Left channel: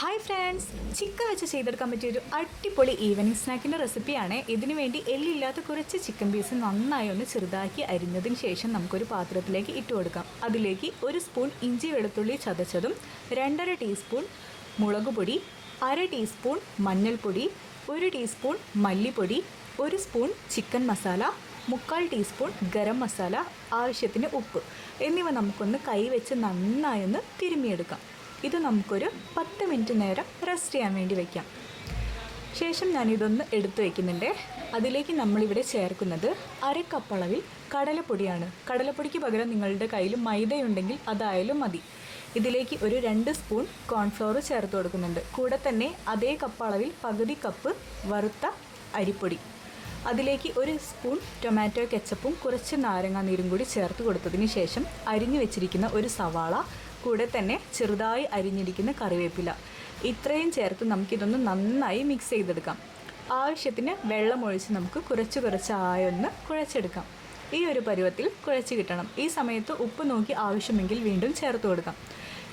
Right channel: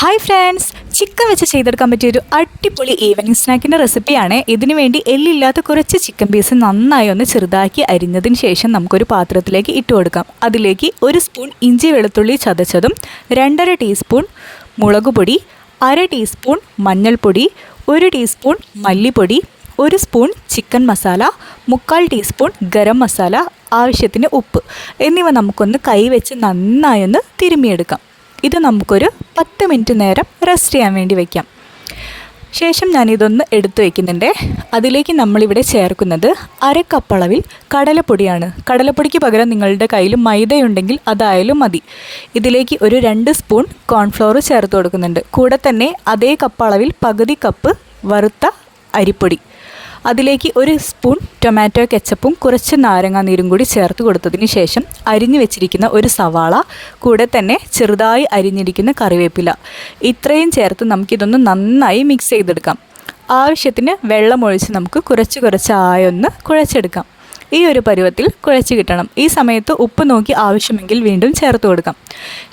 Hi friends, chicken വെച്ച് ചെയ്തെടുക്കാൻ പറ്റിയൊരു അടിപൊളി ഈവനിങ് സ്നാക്കിൻ്റെ റെസിപ്പിയാണ്. ഇതിനു വേണ്ടി എല്ലില്ലാത്ത കുറച്ച് ചിക്കൻ പീസ് നന്നായി ഒന്ന് ചെറുതാക്കി അരിഞ്ഞതിന് ശേഷം നമുക്കൊരു പാത്രത്തിലേക്ക് ഇട്ട് കൊടുക്കാം. അതിലേക്ക് 1 സ്പൂൺ ഇഞ്ചി വെളുത്തുള്ളി ചതച്ചതും, 2.5 ടീസ്പൂൺ മുളക് പൊടി, 1/2 ടീസ്പൂൺ മഞ്ഞൾപ്പൊടി, 1 ടീസ്പൂൺ മല്ലിപ്പൊടി, 1 spoon chicken masala, 3/4 teaspoon garam masala, ആവശ്യത്തിന് ഉപ്പ് എന്നിവ നമുക്കൊന്ന് കൈവച്ച് നന്നായി ഒന്ന് തിരുമ്മിയെടുക്കാം. ഇത് നമുക്കൊരു 10 മിനിറ്റ് നേരം റെസ്റ്റ് ചെയ്യാൻ വേണ്ടി വയ്ക്കാം. ശേഷം ഞാനിതൊന്ന് എടുത്തു വയ്ക്കുന്നുണ്ട്. അതിലേക്ക് നമ്മളിവിടെ ചേർക്കുന്നത് 1/2 കപ്പ് അളവിൽ കടലപ്പൊടിയാണ്. കടലപ്പൊടിക്ക് പകരം നിങ്ങളുടെ കയ്യിൽ മൈദയുണ്ടെങ്കിൽ അതായാലും മതി. ഇതിലേക്ക് ഒരു 2 സ്പൂൺ കോൺഫ്ലോർ ചേർത്ത് കൊടുക്കുന്നുണ്ട്. കൂടെ തന്നെ അതേ കപ്പ് അളവിൽ പകുതി കപ്പ് വറുത്ത അരിപ്പൊടി, അതിലേക്ക് 1 സ്പൂൺ ടൊമാറ്റോ കെച്ചപ്പും കുറച്ച് നാരങ്ങാ നീരും കൂടി ചേർത്ത് കൊടുത്തതിന് ശേഷം അരിഞ്ഞു വെച്ചിരിക്കുന്ന ഒരു സവാള, കൂടെ തന്നെ ചെറുതായി അരിഞ്ഞിരിക്കുന്ന കറിവേപ്പില, ഇത്രയും ചേർത്ത് നമുക്കിതൊന്ന് നന്നായി മിക്സ് ചെയ്തെടുക്കാം. ആവശ്യത്തിന് വെള്ളമൊഴിച്ച് നമുക്ക് കുറച്ച് ആയൊന്ന് കുഴച്ചെടുക്കാം. ഈ ഒരു പരുവത്തിൽ കുഴച്ച് കിട്ടണം. ഈ സമയത്ത് ഉപ്പ് നോക്കി ആവശ്യമെങ്കിൽ വീണ്ടും ചേർത്ത് കൊടുക്കാം.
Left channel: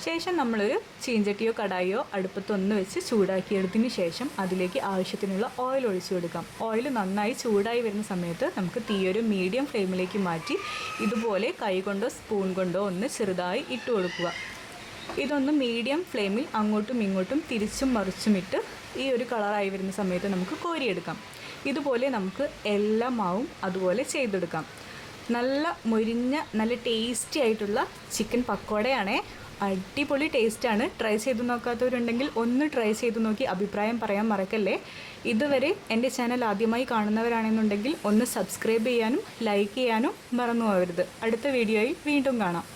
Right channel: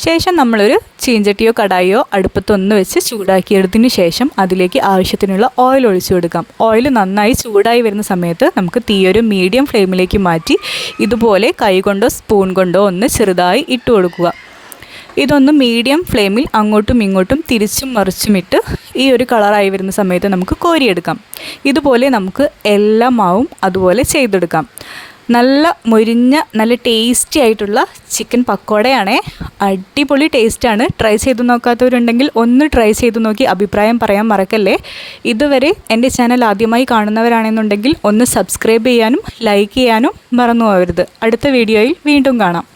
ശേഷം നമ്മളൊരു ചീഞ്ചട്ടിയോ കടായിയോ അടുപ്പത്തൊന്ന് വെച്ച് ചൂടാക്കിയെടുത്തതിന് ശേഷം അതിലേക്ക് ആവശ്യത്തിനുള്ള ഓയിൽ ഒഴിച്ചു കൊടുക്കാം. ഓയിൽ നന്നായി ചൂടായി വരുന്ന സമയത്ത് നമുക്ക് തീയൊരു മീഡിയം ഫ്ലെയിമിലേക്ക് മാറ്റി ഇതുപോലെ കൈ കൊണ്ടോ സ്പൂൺ കൊണ്ടോ ഒന്ന് ചെറുതായി ഇട്ട് കൊടുക്കുക. ഇതൊന്ന് മീഡിയം ഫ്ലെയിമിൽ അങ്ങോട്ടും ഇങ്ങോട്ടും തിരിച്ചും മറിച്ചുമിട്ട് ഈ ഒരു കളറായി വരുന്ന സമയത്ത് നമുക്ക് കോരിയെടുക്കാം. ഇതുപോലെ നമുക്ക് എല്ലാ മാവും അതുപോലെ ചെയ്തെടുക്കാം. നല്ല മൊരിഞ്ഞ നല്ല ടേസ്റ്റി ആയിട്ടുള്ള ചിക്കൻ പക്കോടയാണേ. അടിപൊളി ടേസ്റ്റാണ്. ട്രൈ ചെയ്ത് നോക്കാത്തവരുണ്ടെങ്കിൽ ഒന്ന് ട്രൈ ചെയ്ത് നോക്കി അഭിപ്രായം പറയാൻ മറക്കല്ലേ. ഇതുവരെ എൻ്റെ ചാനൽ ആദ്യമായി കാണുന്നവരാണെന്നുണ്ടെങ്കിൽ ഒന്ന് സബ്സ്ക്രൈബ് ചെയ്യാനും ലൈക്ക് ചെയ്യാനും മറന്നു പോകരുത്. അടുത്ത വീഡിയോയിൽ വീണ്ടും കാണാം.